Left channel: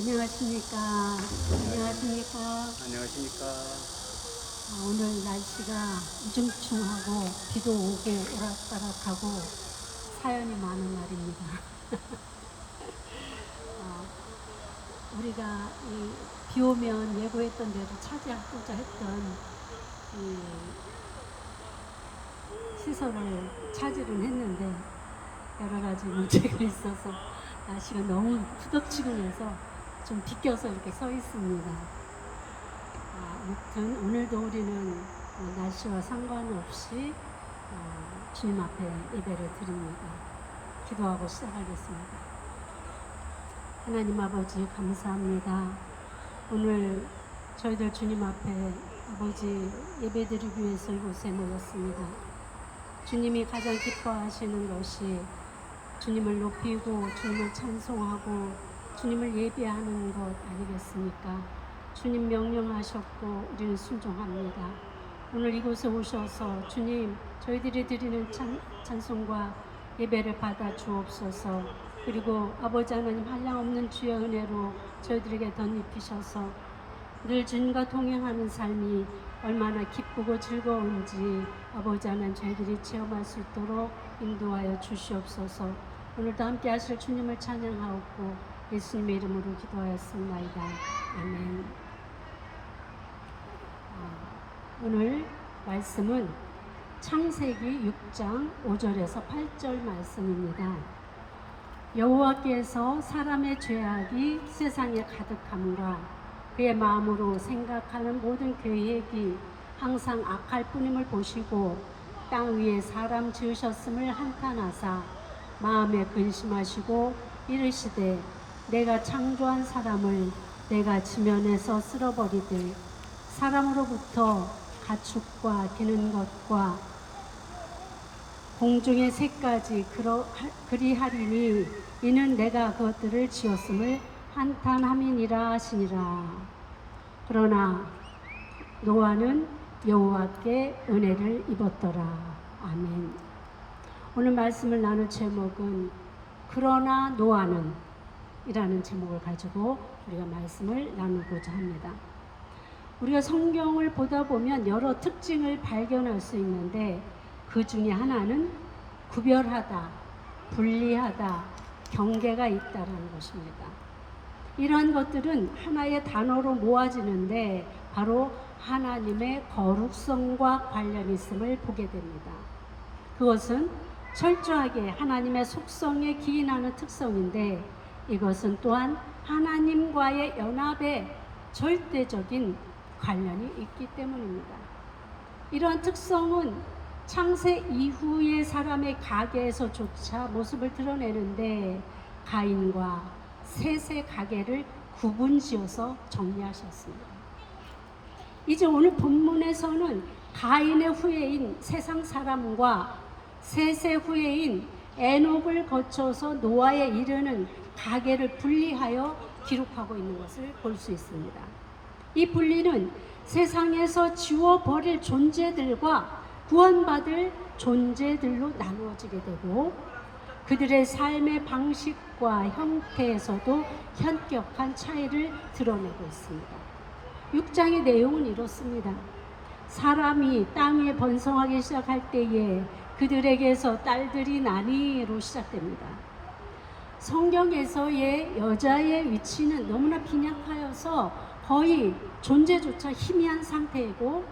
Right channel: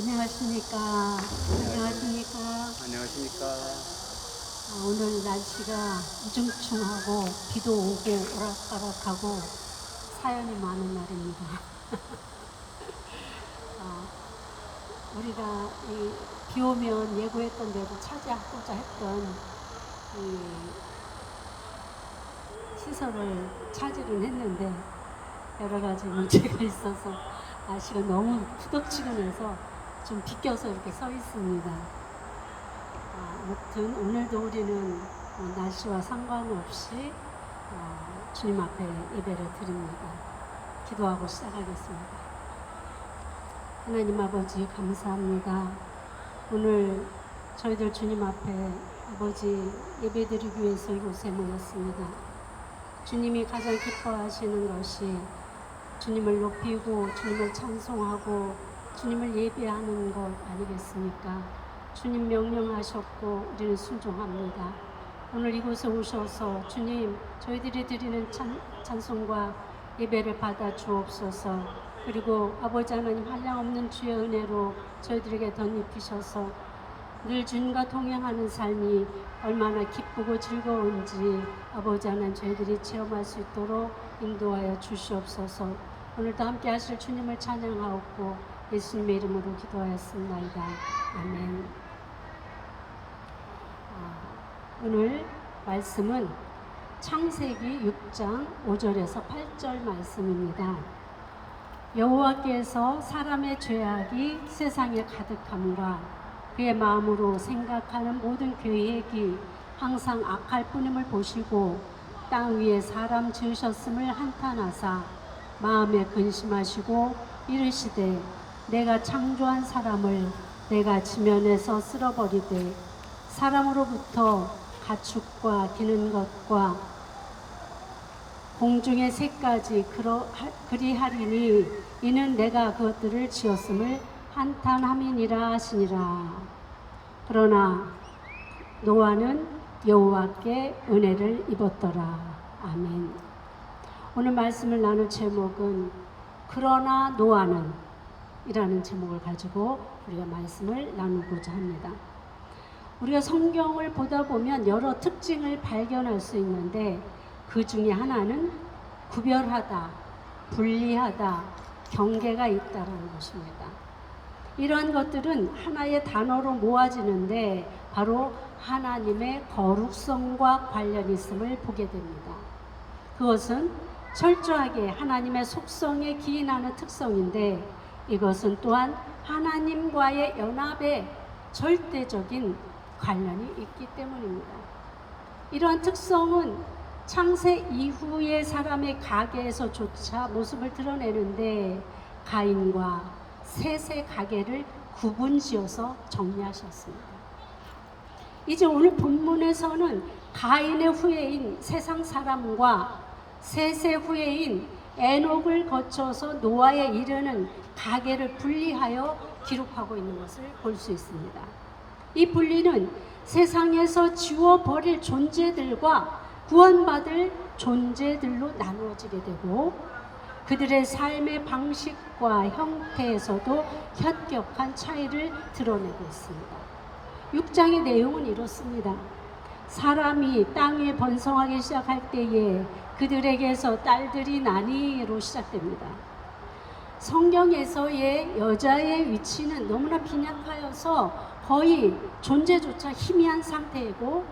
안녕하십니까. 안녕하십니까. 안녕하십니까. 오늘 날씨가 우중충하고 비도 오고 오락가락하고 사연이 많은 날입니다. 우리가 비 오면 예고했던 대로 차지하고자 했던 이 시설을 차지를 했는데 여러 가지 문제가 있어서 날씨가 너무 후덥지근해서 좀 비껴서 이렇게 서 있습니다. 아무튼 오늘도 우리는 날씨와 상관없이 주님 앞에 예배를 드립니다. 기도하고 시작하겠습니다. 하나님 아버지 감사합니다. 오늘 저희들 주님 앞에 아버지 예배 드리기 위해서 이곳에 모였습니다. 주님이 가장 기뻐하시는 것이 주님을 높이고 주님을 찬송하고 주님을 예배하는 것 아니겠습니까? 주님 명령하셨고 우리는 순종합니다. 오늘 이곳에 오셔서 주님 저희들이 드리는 찬송과 예배를 받아 주옵소서. 그리고 아버지 하나님 한량없는 주의 은혜로 저희들에게 덧입히셔서 늘 주님과 동행하는 삶이 얼마나 기쁘고 즐거운지 아버지 하나님 저희들이 체험할 수 있도록 인도하여 주시옵소서. 오늘도 함께 하실 주님을 찬양하옵고 예수님의 이름으로 기도하였습니다. 아멘. 오늘 말씀은 창세기 6장 5절에서 8절 말씀입니다. 여호와께서 사람의 죄악이 세상에 가득함과 그의 마음으로 생각하는 모든 계획이 항상 악할 뿐임을 보시고 땅 위에 사람 지으셨음을 한탄하사 마음에 근심하시고 이르시되 내가 창조한 사람을 내가 지면에서 쓸어버리되 사람으로부터 가축과 기는 것과 공중의 새까지 그리하리니 이는 내가 그것들을 지었음을 한탄함이니라 하시니라. 그러나 노아는 여호와께 은혜를 입었더라. 아멘. 오늘 말씀을 나눌 제목은 그러나 노아는 이라는 제목을 가지고 우리가 말씀을 나누고자 합니다. 우리가 성경을 보다 보면 여러 특징을 발견할 수 있는데 그 중에 하나는 구별하다, 분리하다, 경계가 있다는 것입니다. 이러한 것들은 하나의 단어로 모아지는데 바로 하나님의 거룩성과 관련이 있음을 보게 됩니다. 그것은 철저하게 하나님의 속성에 기인하는 특성인데 이것은 또한 하나님과의 연합에 절대적인 관련이 있기 때문입니다. 이러한 특성은 창세 이후의 사람의 가계에서조차 모습을 드러내는데 가인과 셋의 가계를 구분지어서 정리하셨습니다. 이제 오늘 본문에서는 가인의 후예인 세상 사람과 셋의 후예인 에녹을 거쳐서 노아에 이르는 가계를 분리하여 기록하고 있는 것을 볼 수 있습니다. 이 분리는 세상에서 지워버릴 존재들과 구원받을 존재들로 나누어지게 되고 그들의 삶의 방식과 형태에서도 현격한 차이를 드러내고 있습니다. 6장의 내용은 이렇습니다. 사람이 땅 위에 번성하기 시작할 때에 그들에게서 딸들이 나니로 시작됩니다. 성경에서의 여자의 위치는 너무나 빈약하여서 거의 존재조차 희미한 상태이고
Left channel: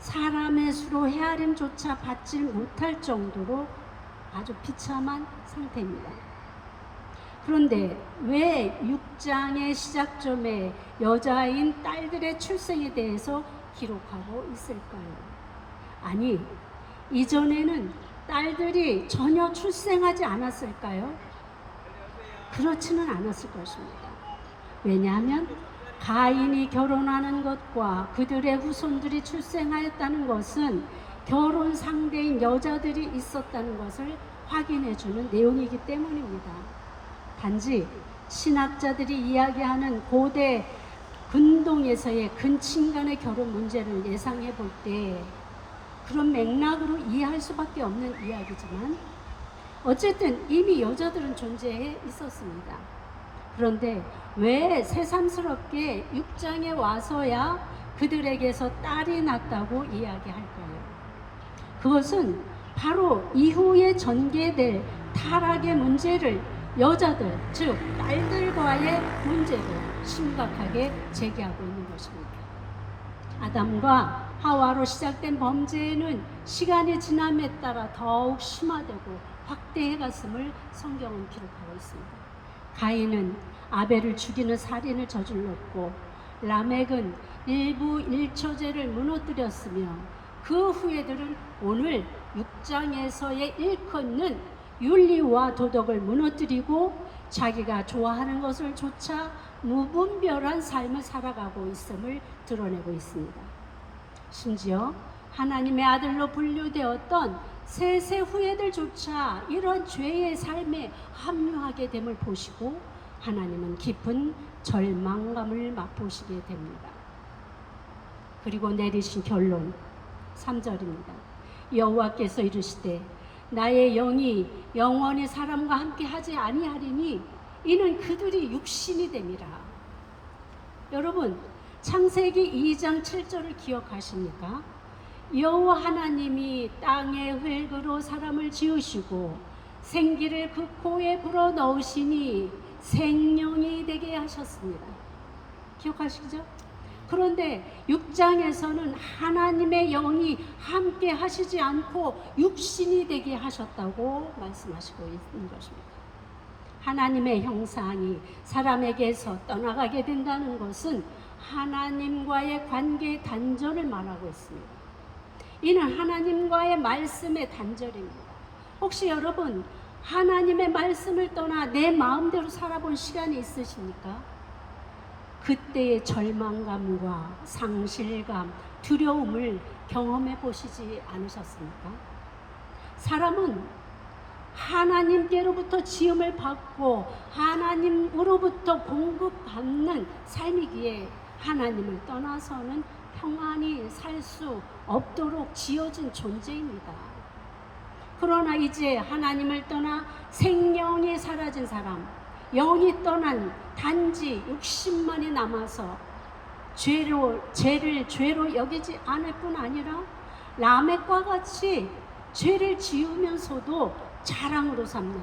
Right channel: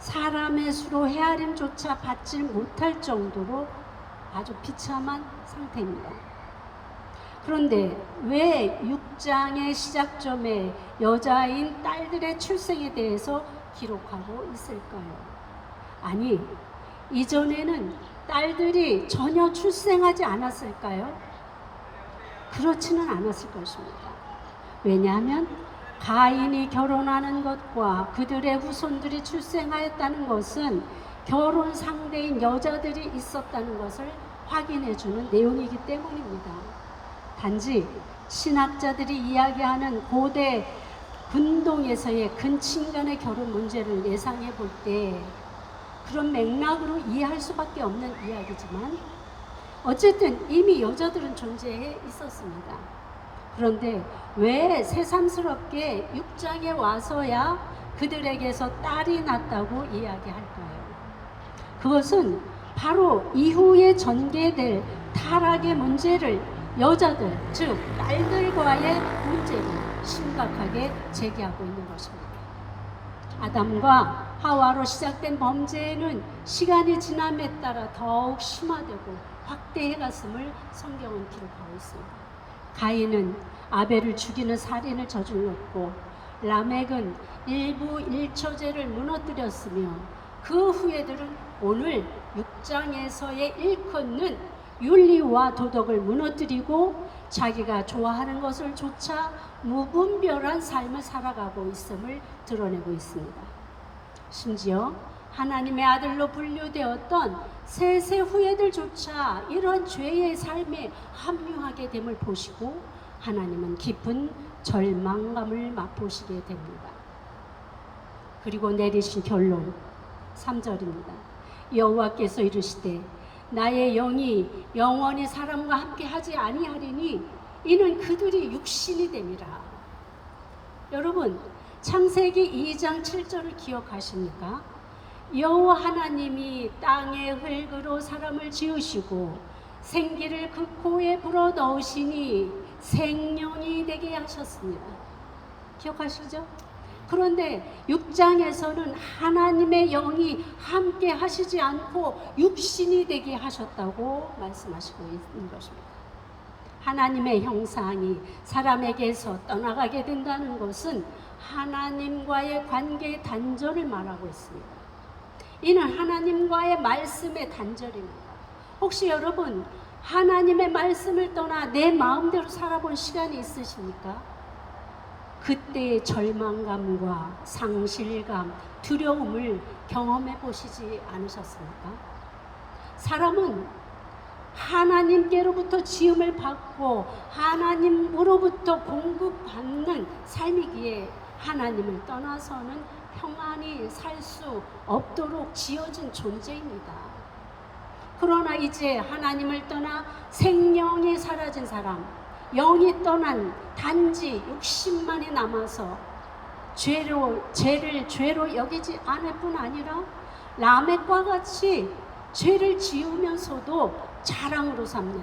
사람의 수로 헤아림조차 받지 못할 정도로 아주 비참한 상태입니다. 그런데 왜 6장의 시작점에 여자인 딸들의 출생에 대해서 기록하고 있을까요? 아니, 이전에는 딸들이 전혀 출생하지 않았을까요? 그렇지는 않았을 것입니다. 왜냐하면 가인이 결혼하는 것과 그들의 후손들이 출생하였다는 것은 결혼 상대인 여자들이 있었다는 것을 확인해주는 내용이기 때문입니다. 단지 신학자들이 이야기하는 고대 근동에서의 근친간의 결혼 문제를 예상해 볼 때 그런 맥락으로 이해할 수밖에 없는 이야기지만 어쨌든 이미 여자들은 존재해 있었습니다. 그런데 왜 새삼스럽게 6장에 와서야 그들에게서 딸이 낳았다고 이야기할까요? 그것은 바로 이후에 전개될 타락의 문제를 여자들, 즉 딸들과의 문제를 심각하게 제기하고 있는 것입니다. 아담과 하와로 시작된 범죄는 시간이 지남에 따라 더욱 심화되고 확대해 갔음을 성경은 기록하고 있습니다. 가인은 아벨을 죽이는 살인을 저질렀고, 라멕은 일부 일처제를 무너뜨렸으며, 그 후예들은 오늘 6장에서의 일컫는 윤리와 도덕을 무너뜨리고 자기가 좋아하는 것을 쫓아 무분별한 삶을 살아가고 있음을 드러내고 있습니다. 심지어 하나님의 아들로 분류되었던 셋의 후예들조차 이런 죄의 삶에 합류하게 됨을 보시고 하나님은 깊은 절망감을 맛보시게 됩니다. 그리고 내리신 결론 3절입니다. 여호와께서 이르시되 나의 영이 영원히 사람과 함께 하지 아니하리니 이는 그들이 육신이 됨이라. 여러분, 창세기 2장 7절을 기억하십니까? 여호와 하나님이 땅의 흙으로 사람을 지으시고 생기를 그 코에 불어넣으시니 생명이 되게 하셨습니다. 기억하시죠? 그런데 6장에서는 하나님의 영이 함께 하시지 않고 육신이 되게 하셨다고 말씀하시고 있는 것입니다. 하나님의 형상이 사람에게서 떠나가게 된다는 것은 하나님과의 관계의 단절을 말하고 있습니다. 이는 하나님과의 말씀의 단절입니다. 혹시 여러분 하나님의 말씀을 떠나 내 마음대로 살아본 시간이 있으십니까? 그때의 절망감과 상실감, 두려움을 경험해 보시지 않으셨습니까? 사람은 하나님께로부터 지음을 받고 하나님으로부터 공급받는 삶이기에 하나님을 떠나서는 평안히 살 수 없도록 지어진 존재입니다. 그러나 이제 하나님을 떠나 생명이 사라진 사람, 영이 떠난 단지 육신만이 남아서 죄를 죄로 여기지 않을 뿐 아니라 라멕과 같이 죄를 지으면서도 자랑으로 삼는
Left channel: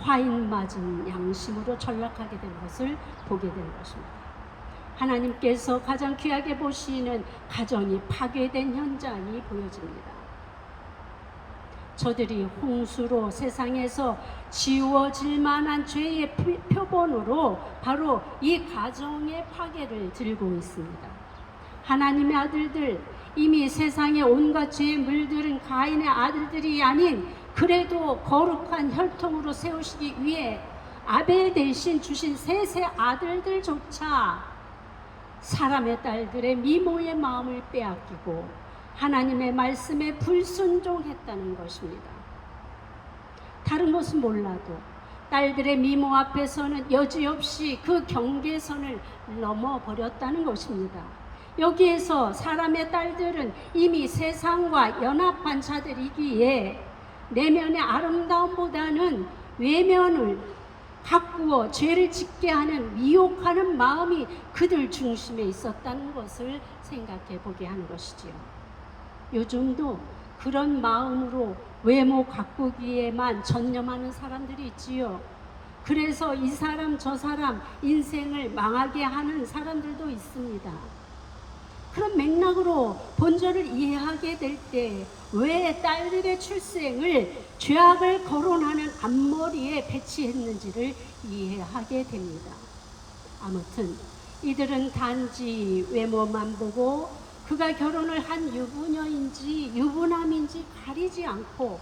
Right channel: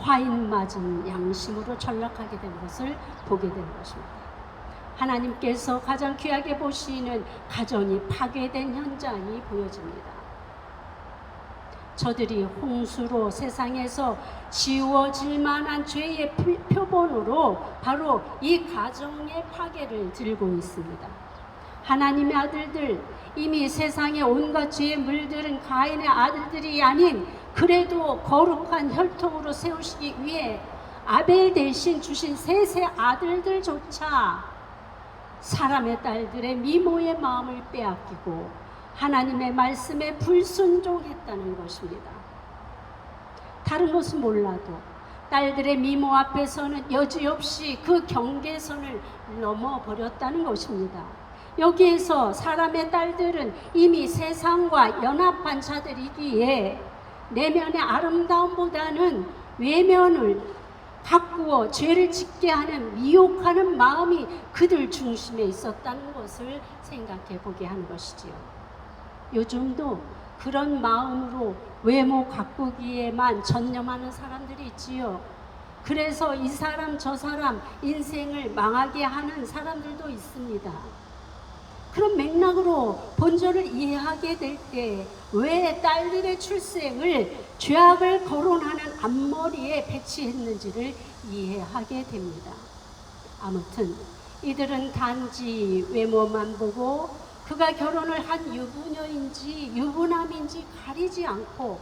화인 맞은 양심으로 전락하게 된 것을 보게 된 것입니다. 하나님께서 가장 귀하게 보시는 가정이 파괴된 현장이 보여집니다. 저들이 홍수로 세상에서 지워질 만한 죄의 표본으로 바로 이 가정의 파괴를 들고 있습니다. 하나님의 아들들, 이미 세상에 온갖 죄에 물들은 가인의 아들들이 아닌 그래도 거룩한 혈통으로 세우시기 위해 아벨 대신 주신 셋의 아들들조차 사람의 딸들의 미모의 마음을 빼앗기고 하나님의 말씀에 불순종했다는 것입니다. 다른 것은 몰라도 딸들의 미모 앞에서는 여지없이 그 경계선을 넘어버렸다는 것입니다. 여기에서 사람의 딸들은 이미 세상과 연합한 자들이기에 내면의 아름다움보다는 외면을 가꾸어 죄를 짓게 하는 미혹하는 마음이 그들 중심에 있었다는 것을 생각해 보게 하는 것이지요. 요즘도 그런 마음으로 외모 가꾸기에만 전념하는 사람들이 있지요. 그래서 이 사람 저 사람 인생을 망하게 하는 사람들도 있습니다. 그런 맥락으로 본절을 이해하게 될 때 왜 딸들의 출생을 죄악을 거론하는 앞머리에 배치했는지를 이해하게 됩니다. 아무튼 이들은 단지 외모만 보고 그가 결혼을 한 유부녀인지 유부남인지 가리지 않고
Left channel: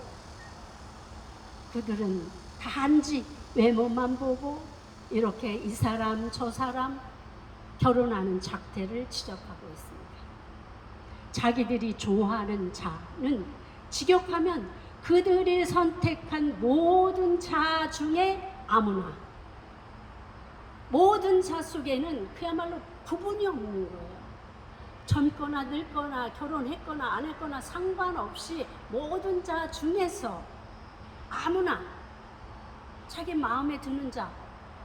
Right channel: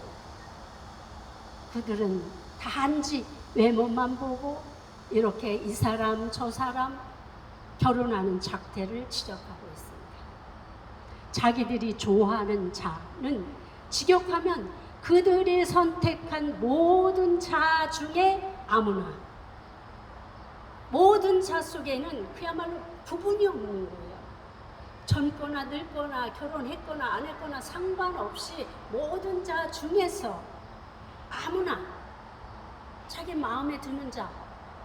그들은 단지 외모만 보고 이렇게 이 사람 저 사람 결혼하는 작태를 지적하고 있습니다. 자기들이 좋아하는 자는 직역하면 그들이 선택한 모든 자 중에 아무나, 모든 자 속에는 그야말로 구분이 없는 거예요. 젊거나 늙거나 결혼했거나 안 했거나 상관없이 모든 자 중에서 아무나 자기 마음에 드는 자,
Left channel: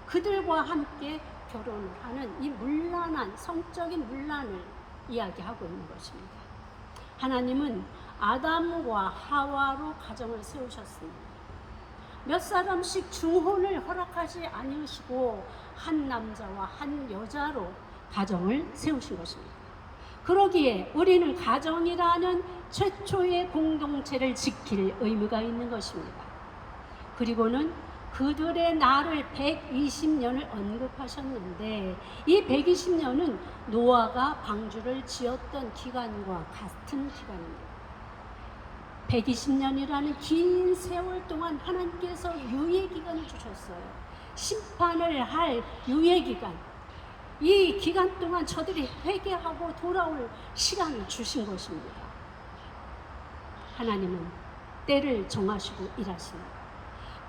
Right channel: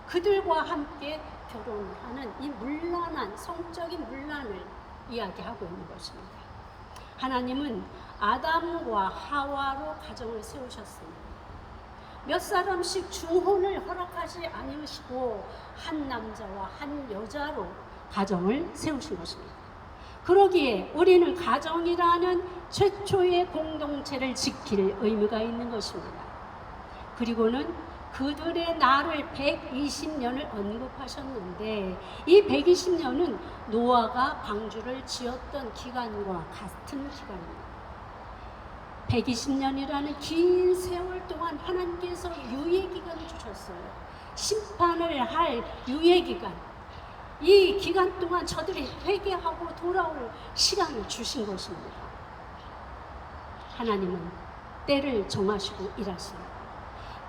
그들과 함께 결혼을 하는 이 문란한 성적인 문란을 이야기하고 있는 것입니다. 하나님은 아담과 하와로 가정을 세우셨습니다. 몇 사람씩 중혼을 허락하지 아니하시고 한 남자와 한 여자로 가정을 세우신 것입니다. 그러기에 우리는 가정이라는 최초의 공동체를 지킬 의무가 있는 것입니다. 그리고는 그들의 날을 120년을 언급하셨는데 이 120년은 노아가 방주를 지었던 기간과 같은 기간입니다. 120년이라는 긴 세월 동안 하나님께서 유예기간을 주셨어요. 심판을 할 유예기간. 이 기간 동안 저들이 회개하고 돌아올 시간을 주신 것입니다. 하나님은 때를 정하시고 일하십니다.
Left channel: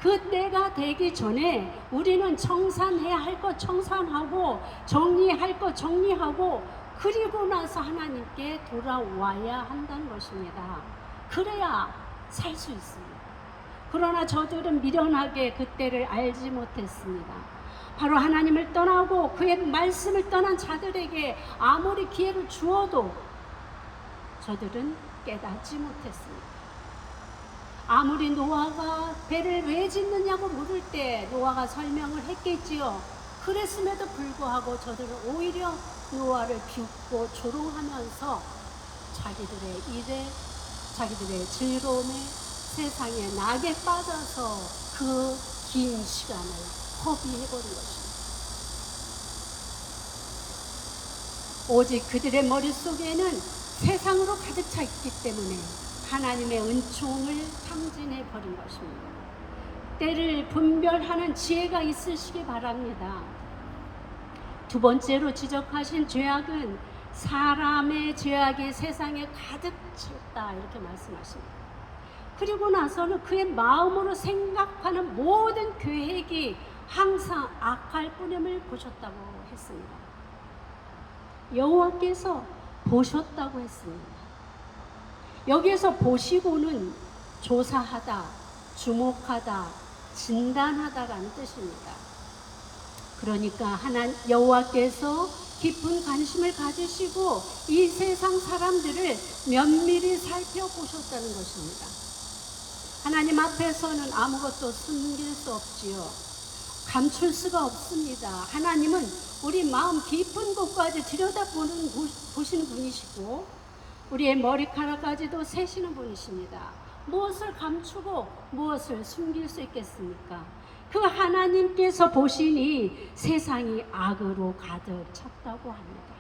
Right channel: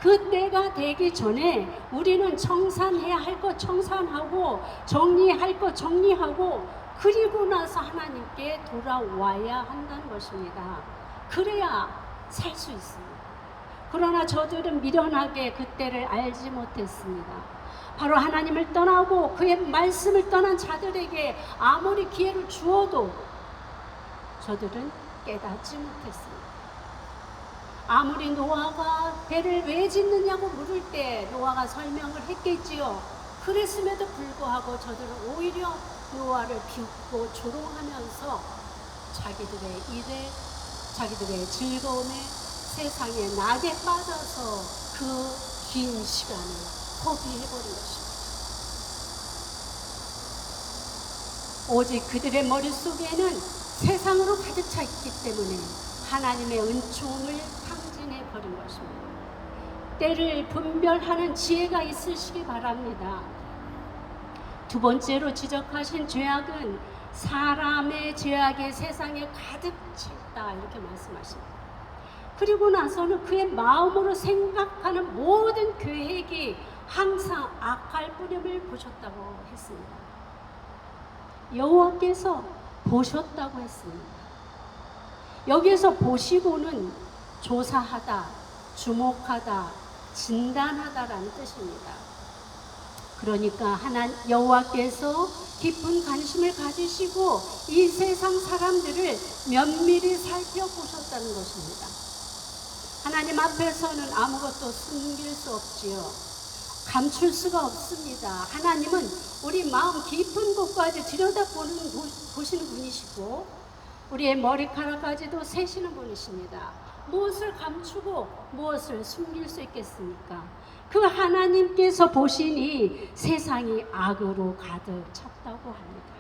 그 때가 되기 전에 우리는 청산해야 할 것 청산하고 정리할 것 정리하고 그리고 나서 하나님께 돌아와야 한다는 것입니다. 그래야 살 수 있습니다. 그러나 저들은 미련하게 그 때를 알지 못했습니다. 바로 하나님을 떠나고 그의 말씀을 떠난 자들에게 아무리 기회를 주어도 저들은 깨닫지 못했습니다. 아무리 노아가 배를 왜 짓느냐고 물을 때 노아가 설명을 했겠지요. 그랬음에도 불구하고 저들은 오히려 노아를 비웃고 조롱하면서 자기들의 일에 자기들의 즐거움에 세상에 낙에 빠져서 그 긴 시간을 허비해버린 것입니다. 오직 그들의 머릿속에는 세상으로 가득 차 있기 때문에 하나님의 은총을 탕진해 버린 것입니다. 때를 분별하는 지혜가 있으시기 바랍니다. 두 번째로 지적하신 죄악은 사람의 죄악이 세상에 가득 찼다 이렇게 말씀하십니다. 그리고 나서는 그의 마음으로 생각하는 모든 계획이 항상 악할 뿐임을 보셨다고 했습니다. 여호와께서 보셨다고 했습니다. 여기에서 보시고는 조사하다, 주목하다, 진단하다라는 뜻입니다. 그러니까 여호와께서 깊은 관심을 가지시고 이 세상 사람들을 면밀히 살펴보셨다는 것입니다. 하나님 앞에서는 아무것도 숨길 수 없지요. 감출 수가 없습니다. 하나님은 우리 마음 깊은 곳까지 보시는 분이시고 우리의 머리카락까지도 세시는 분이십니다. 무엇을 감추고 무엇을 숨길 수 있겠습니까? 그 하나님께서 보시니 세상이 악으로 가득 찼다고 합니다.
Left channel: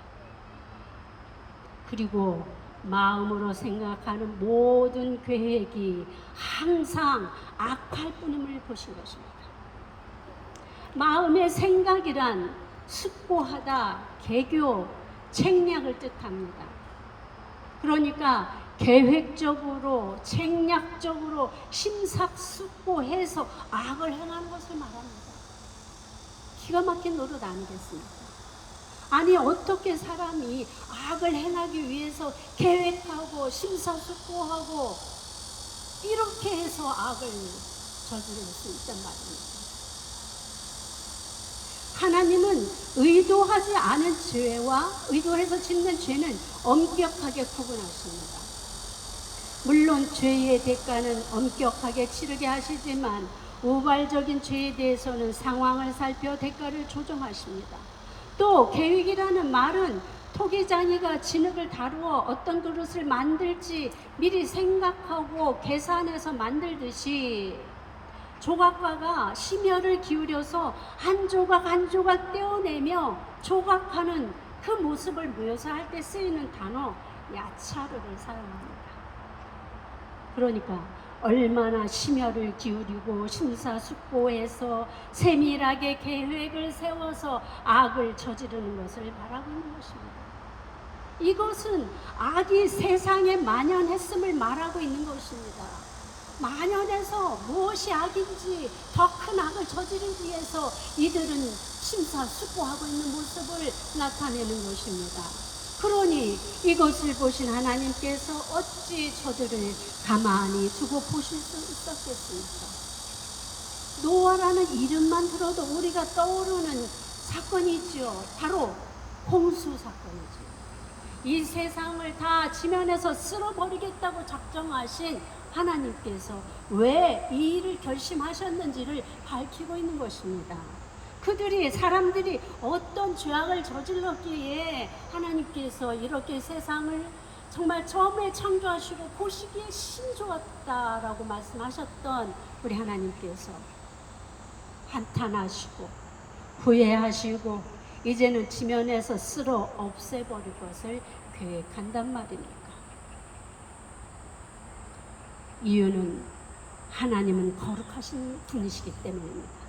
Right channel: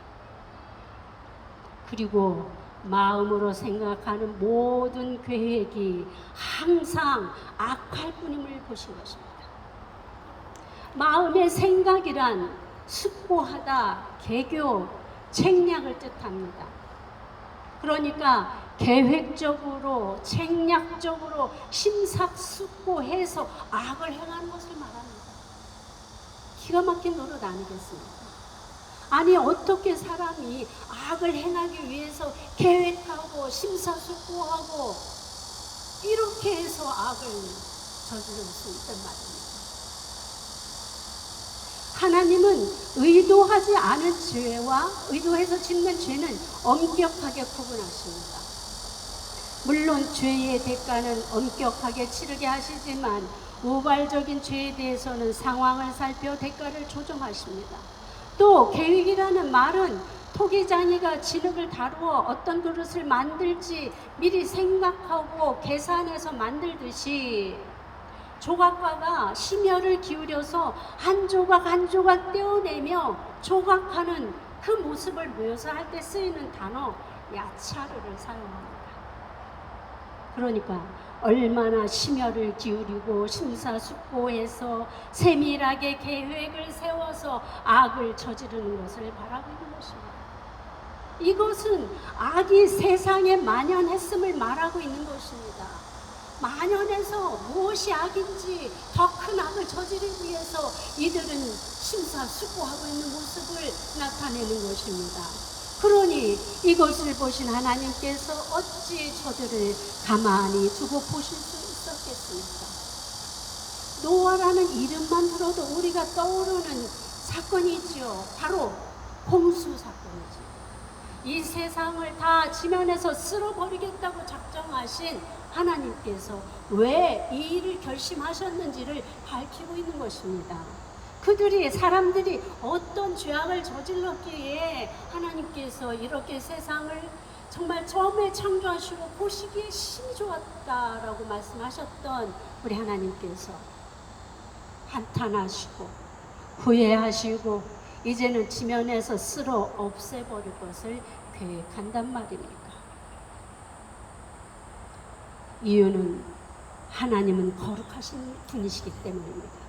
그리고 마음으로 생각하는 모든 계획이 항상 악할 뿐임을 보신 것입니다. 마음의 생각이란 숙고하다, 계교, 책략을 뜻합니다. 그러니까 계획적으로, 책략적으로 심사숙고해서 악을 행하는 것을 말합니다. 기가 막힌 노릇 아니겠습니까? 아니 어떻게 사람이 악을 행하기 위해서 계획하고 심사숙고하고 이렇게 해서 악을 저지를 수 있단 말입니다. 하나님은 의도하지 않은 죄와 의도해서 짓는 죄는 엄격하게 구분하십니다. 물론 죄의 대가는 엄격하게 치르게 하시지만 우발적인 죄에 대해서는 상황을 살펴 대가를 조정하십니다. 또 계획이라는 말은 토기장이가 진흙을 다루어 어떤 그릇을 만들지 미리 생각하고 계산해서 만들듯이 조각가가 심혈을 기울여서 한 조각 한 조각 떼어내며 조각하는 그 모습을 묘사할 때 쓰이는 단어 야차르를 사용합니다. 그러니까 얼마나 심혈을 기울이고 심사숙고해서 세밀하게 계획을 세워서 악을 저지르는 것을 바라고 있는 것입니다. 이것은 악이 세상에 만연했음을 말하고 있는 것입니다. 만연해서 무엇이 악인지 더 큰 악을 저지르기 위해서 이들은 심사숙고하고 있는 모습을 나타내는 것입니다. 그러니 이것을 보신 하나님께서 어찌 저들을 가만히 두고 보실 수 있었겠습니까? 노아라는 이름만 들어도 우리가 떠오르는 사건이 있죠. 바로 홍수 사건이죠. 이 세상을 다 지면에서 쓸어버리겠다고 작정하신 하나님께서 왜 이 일을 결심하셨는지를 밝히고 있는 것입니다. 사람들이 어떤 죄악을 저질렀기에 하나님께서 이렇게 세상을 정말 처음에 창조하시고 보시기에 심히 좋았다라고 말씀하셨던 우리 하나님께서 한탄하시고 후회하시고 이제는 지면에서 쓸어 없애버릴 것을 계획한단 말입니까? 이유는 하나님은 거룩하신 분이시기 때문입니다.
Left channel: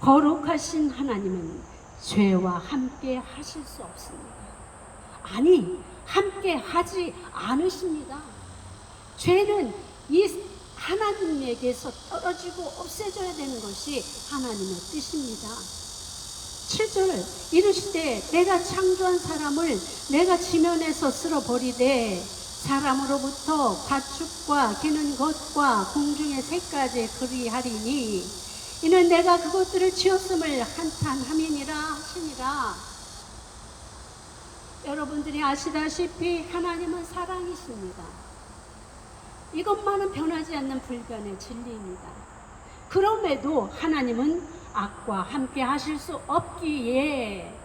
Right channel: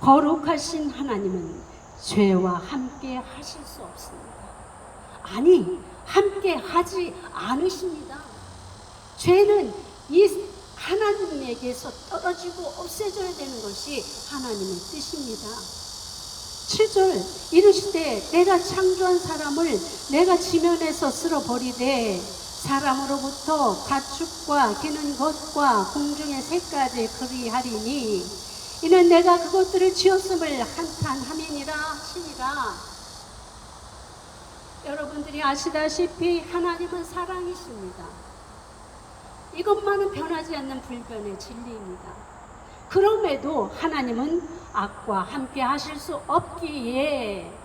거룩하신 하나님은 죄와 함께 하실 수 없습니다. 아니, 함께 하지 않으십니다. 죄는 이 하나님에게서 떨어지고 없애져야 되는 것이 하나님의 뜻입니다. 7절 이르시되 내가 창조한 사람을 내가 지면에서 쓸어버리되 사람으로부터 가축과 기는 것과 공중의 새까지 그리하리니 이는 내가 그것들을 지었음을 한탄함이니라 하시니라. 여러분들이 아시다시피 하나님은 사랑이십니다. 이것만은 변하지 않는 불변의 진리입니다. 그럼에도 하나님은 악과 함께 하실 수 없기에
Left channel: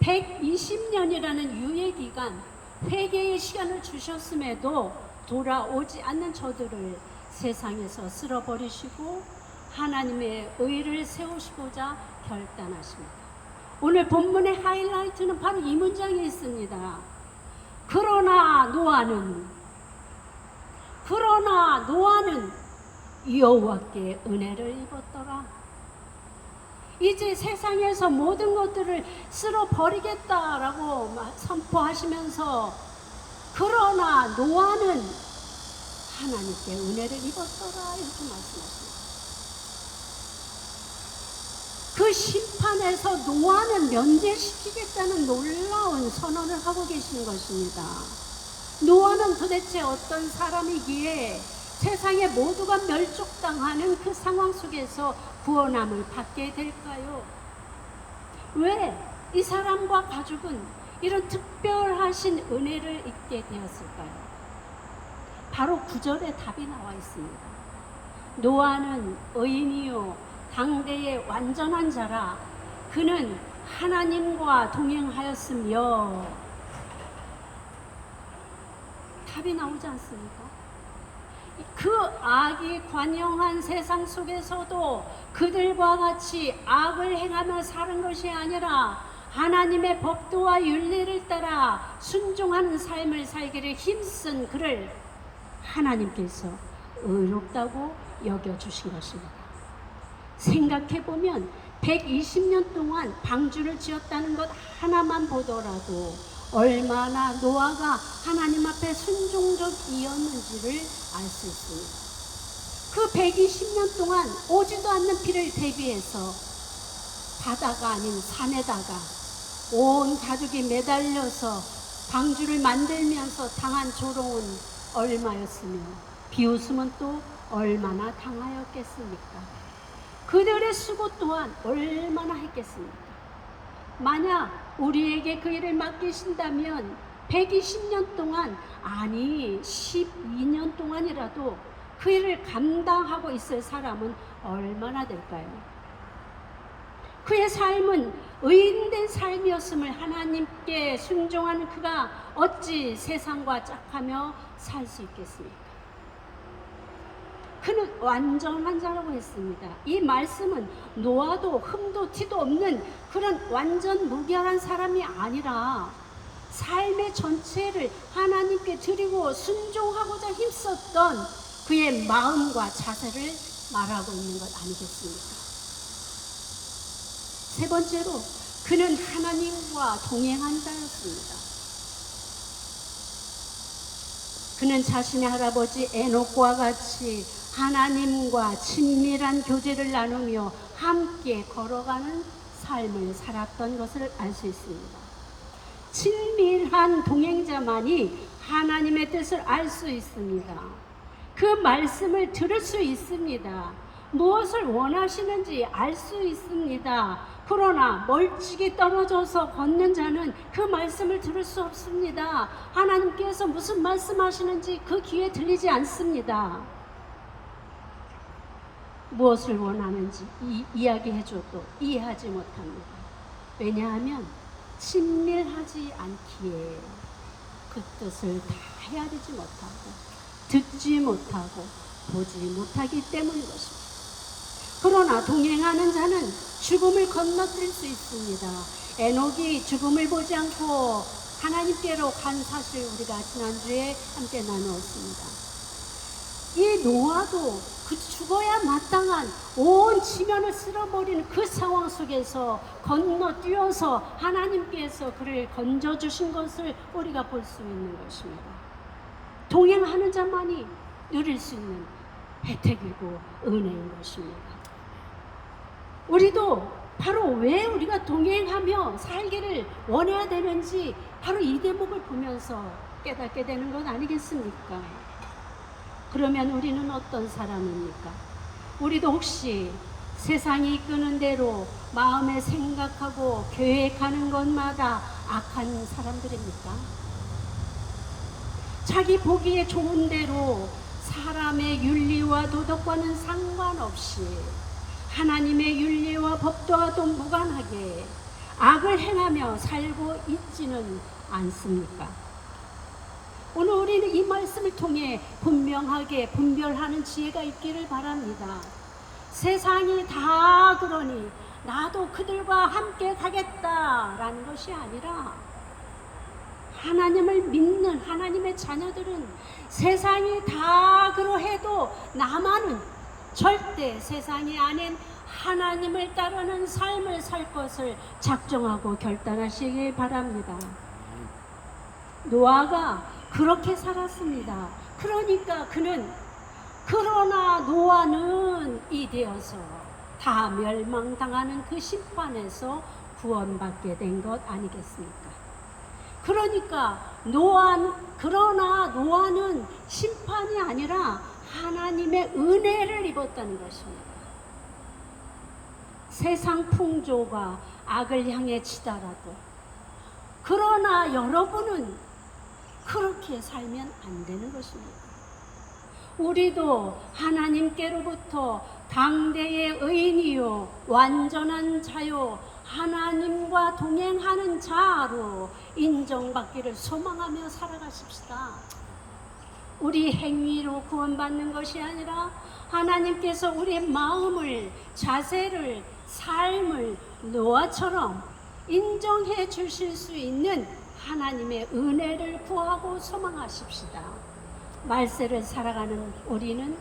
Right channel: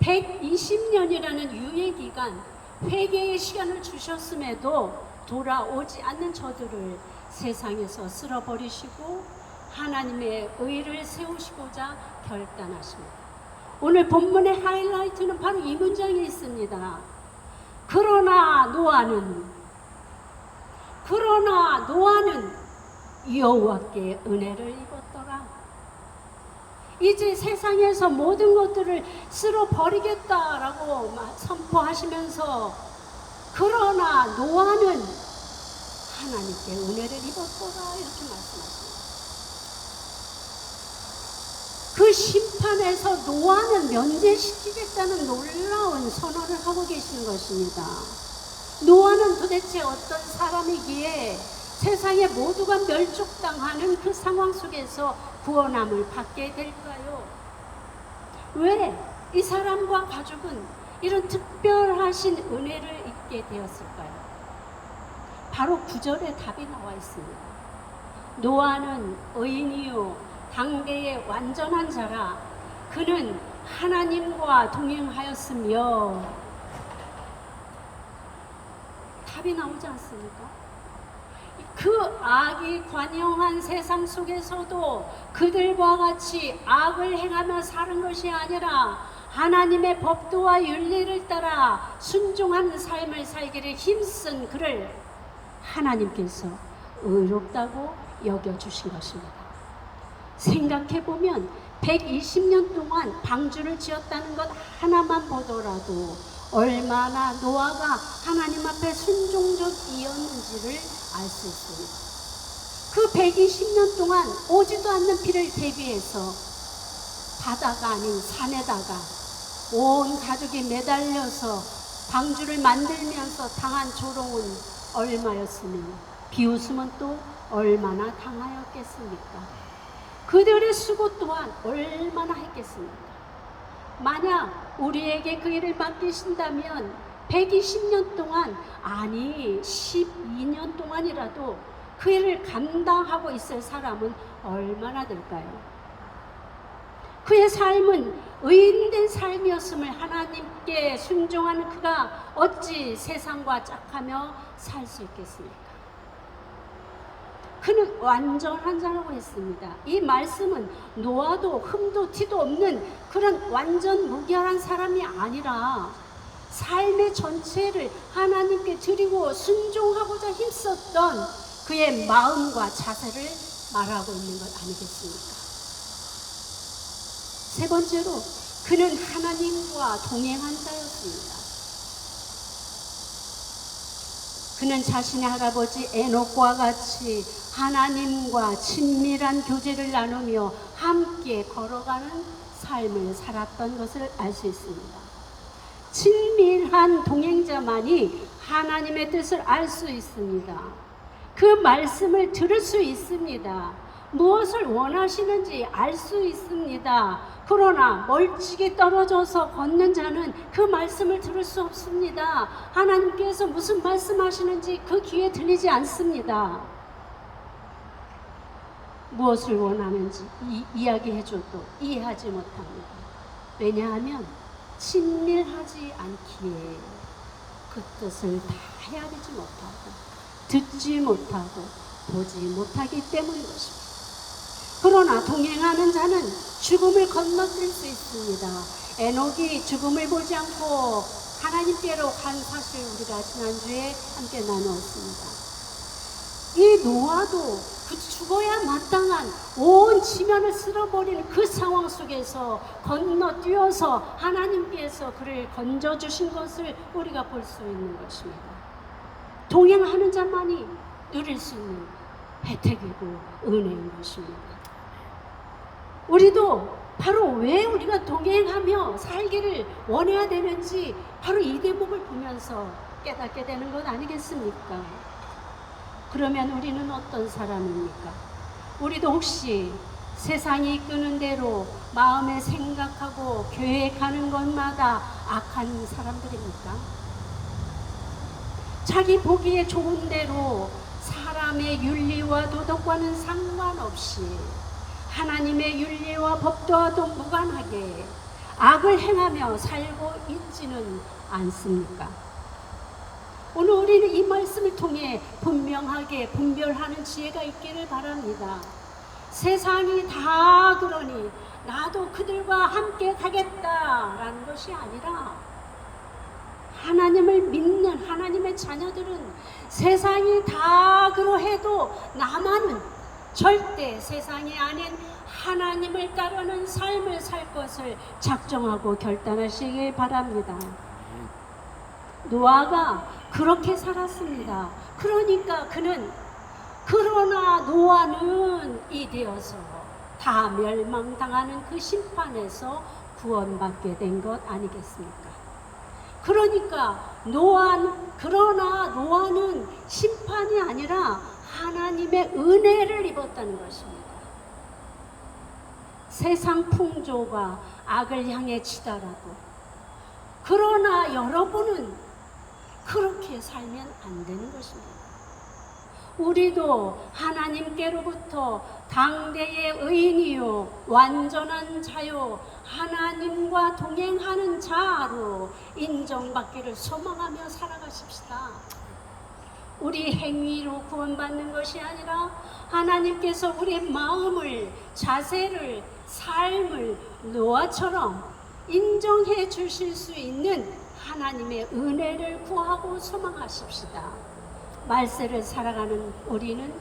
120년이라는 유예기간, 회개의 시간을 주셨음에도 돌아오지 않는 저들을 세상에서 쓸어버리시고 하나님의 의를 세우시고자 결단하십니다. 오늘 본문의 하이라이트는 바로 이 문장에 있습니다. 그러나 노아는 여호와께 은혜를 입었더라. 이제 세상에서 모든 것들을 쓸어버리겠다라고 선포하시면서 그러나 노아는 하나님께 은혜를 입었더라 이렇게 말씀하십니다. 그 심판에서 노아는 면제시키겠다는 놀라운 선언을 하고 계시는 것입니다. 노아는 도대체 어떤 사람이기에 세상에 모두가 멸족당하는 그 상황 속에서 구원함을 받게 될까요? 왜 이 사람과 가족은 이런 특별하신 은혜를 입게 되었을까요? 바로 9절에 답이 나와 있습니다. 노아는 의인이요 당대의 완전한 자라 그는 하나님과 동행하였으며. 답이 나오지 않습니까? 그 악이 관영한 세상 속에서도 그들과 같이 악을 행하며 사는 것이 아니라 하나님의 법도와 윤리를 따라 순종하는 삶을 살기를 힘쓴 그를 하나님께서 의롭다고 여겨주신 것입니다. 생각해보면 120년 동안 방주를 지었다는 것 하나만 보더라도 얼마나 노아가 하나님 앞에 순종적이었는지를 알 수 있습니다. 그 120년 동안 오지도 않는 비를 대비해서 바다가 아닌 산에다가 온 가족이 매달려서 방주를 만들면서 당한 조롱은 얼마였으며 비웃음은 또 얼마나 당하였겠습니까? 그들의 수고 또한 얼마나 했겠습니까? 만약 우리에게 그 일을 맡기신다면 120년 동안 아니 12년 동안이라도 그 일을 감당하고 있을 사람은 얼마나 될까요? 그의 삶은 의인된 삶이었음을 하나님께 순종하는 그가 어찌 세상과 짝하며 살 수 있겠습니까? 그는 완전한 자라고 했습니다. 이 말씀은 노아도 흠도 티도 없는 그런 완전 무결한 사람이 아니라 삶의 전체를 하나님께 드리고 순종하고자 힘썼던 그의 마음과 자세를 말하고 있는 것 아니겠습니까? 세 번째로 그는 하나님과 동행한 자였습니다. 그는 자신의 할아버지 에녹과 같이 하나님과 친밀한 교제를 나누며 함께 걸어가는 삶을 살았던 것을 알 수 있습니다. 친밀한 동행자만이 하나님의 뜻을 알 수 있습니다. 그 말씀을 들을 수 있습니다. 무엇을 원하시는지 알 수 있습니다. 그러나 멀찍이 떨어져서 걷는 자는 그 말씀을 들을 수 없습니다. 하나님께서 무슨 말씀하시는지 그 귀에 들리지 않습니다. 무엇을 원하는지 이야기해줘도 이해하지 못합니다. 왜냐하면 친밀하지 않기에 그 뜻을 다 헤아리지 못하고 듣지 못하고 보지 못하기 때문인 것입니다. 그러나 동행하는 자는 죽음을 건너뛸 수 있습니다. 에녹이 죽음을 보지 않고 하나님께로 간 사실 우리가 지난주에 함께 나누었습니다. 이 노아도 그 죽어야 마땅한 온 지면을 쓸어버리는 그 상황 속에서 건너뛰어서 하나님께서 그를 건져주신 것을 우리가 볼 수 있는 것입니다. 동행하는 자만이 누릴 수 있는 혜택이고 은혜인 것입니다. 우리도 바로 왜 우리가 동행하며 살기를 원해야 되는지 바로 이 대목을 보면서 깨닫게 되는 것 아니겠습니까? 그러면 우리는 어떤 사람입니까? 우리도 혹시 세상이 이끄는 대로 마음에 생각하고 계획하는 것마다 악한 사람들입니까? 자기 보기에 좋은 대로 사람의 윤리와 도덕과는 상관없이 하나님의 윤리와 법도와도 무관하게 악을 행하며 살고 있지는 않습니까? 오늘 우리는 이 말씀을 통해 분명하게 분별하는 지혜가 있기를 바랍니다. 세상이 다 그러니 나도 그들과 함께 가겠다라는 것이 아니라 하나님을 믿는 하나님의 자녀들은 세상이 다 그러해도 나만은 절대 세상이 아닌 하나님을 따르는 삶을 살 것을 작정하고 결단하시길 바랍니다. 노아가 그렇게 살았습니다. 그러니까 그러나 노아는 이되어서 다 멸망당하는 그 심판에서 구원받게 된 것 아니겠습니까? 그러니까 그러나 노아는 심판이 아니라 하나님의 은혜를 입었다는 것입니다. 세상 풍조가 악을 향해 치더라도 그러나 여러분은 그렇게 살면 안 되는 것입니다. 우리도 하나님께로부터 당대의 의인이요 완전한 자요 하나님과 동행하는 자로 인정받기를 소망하며 살아가십시다. 우리 행위로 구원받는 것이 아니라 하나님께서 우리의 마음을, 자세를, 삶을 노아처럼 인정해 주실 수 있는 하나님의 은혜를 구하고 소망하십시다. 말세를 살아가는 우리는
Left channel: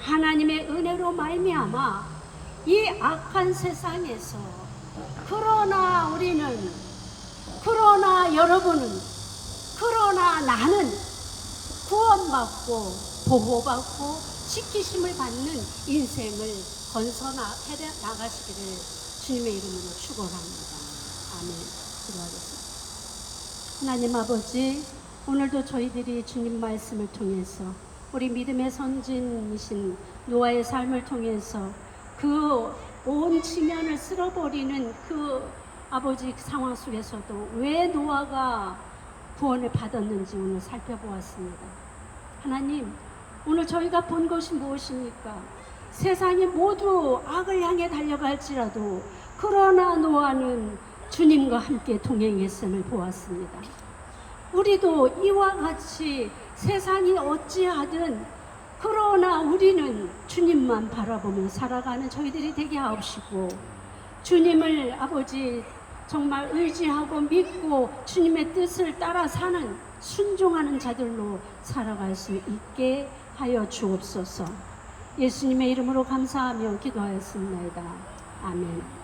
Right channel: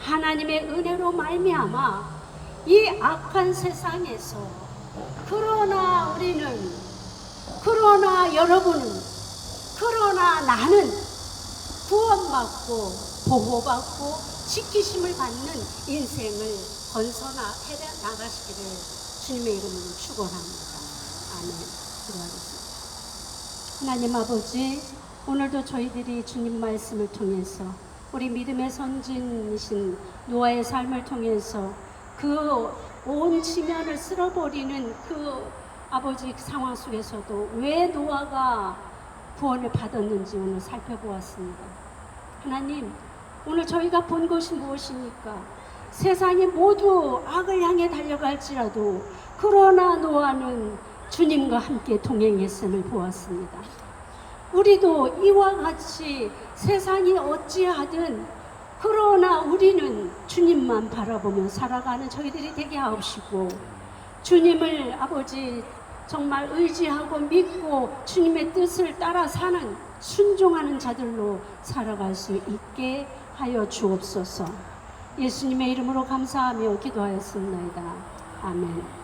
하나님의 은혜로 말미암아 이 악한 세상에서 그러나 여러분은, 그러나 나는 구원받고 보호받고 지키심을 받는 인생을 건설해 나가시기를 주님의 이름으로 축원합니다. 아멘. 기도하겠습니다. 하나님 아버지, 오늘도 저희들이 주님 말씀을 통해서 우리 믿음의 선진이신 노아의 삶을 통해서 그 온 지면을 쓸어버리는 그 아버지 상황 속에서도 왜 노아가 구원을 받았는지 오늘 살펴보았습니다. 하나님, 오늘 저희가 본 것이 무엇입니까? 세상이 모두 악을 향해 달려갈지라도 그러나 노아는 주님과 함께 동행했음을 보았습니다. 우리도 이와 같이 세상이 어찌하든 그러나 우리는 주님만 바라보며 살아가는 저희들이 되게 하옵시고, 주님을 아버지 정말 의지하고 믿고 주님의 뜻을 따라 사는 순종하는 자들로 살아갈 수 있게 하여 주옵소서. 예수님의 이름으로 감사하며 기도하였습니다. 아멘.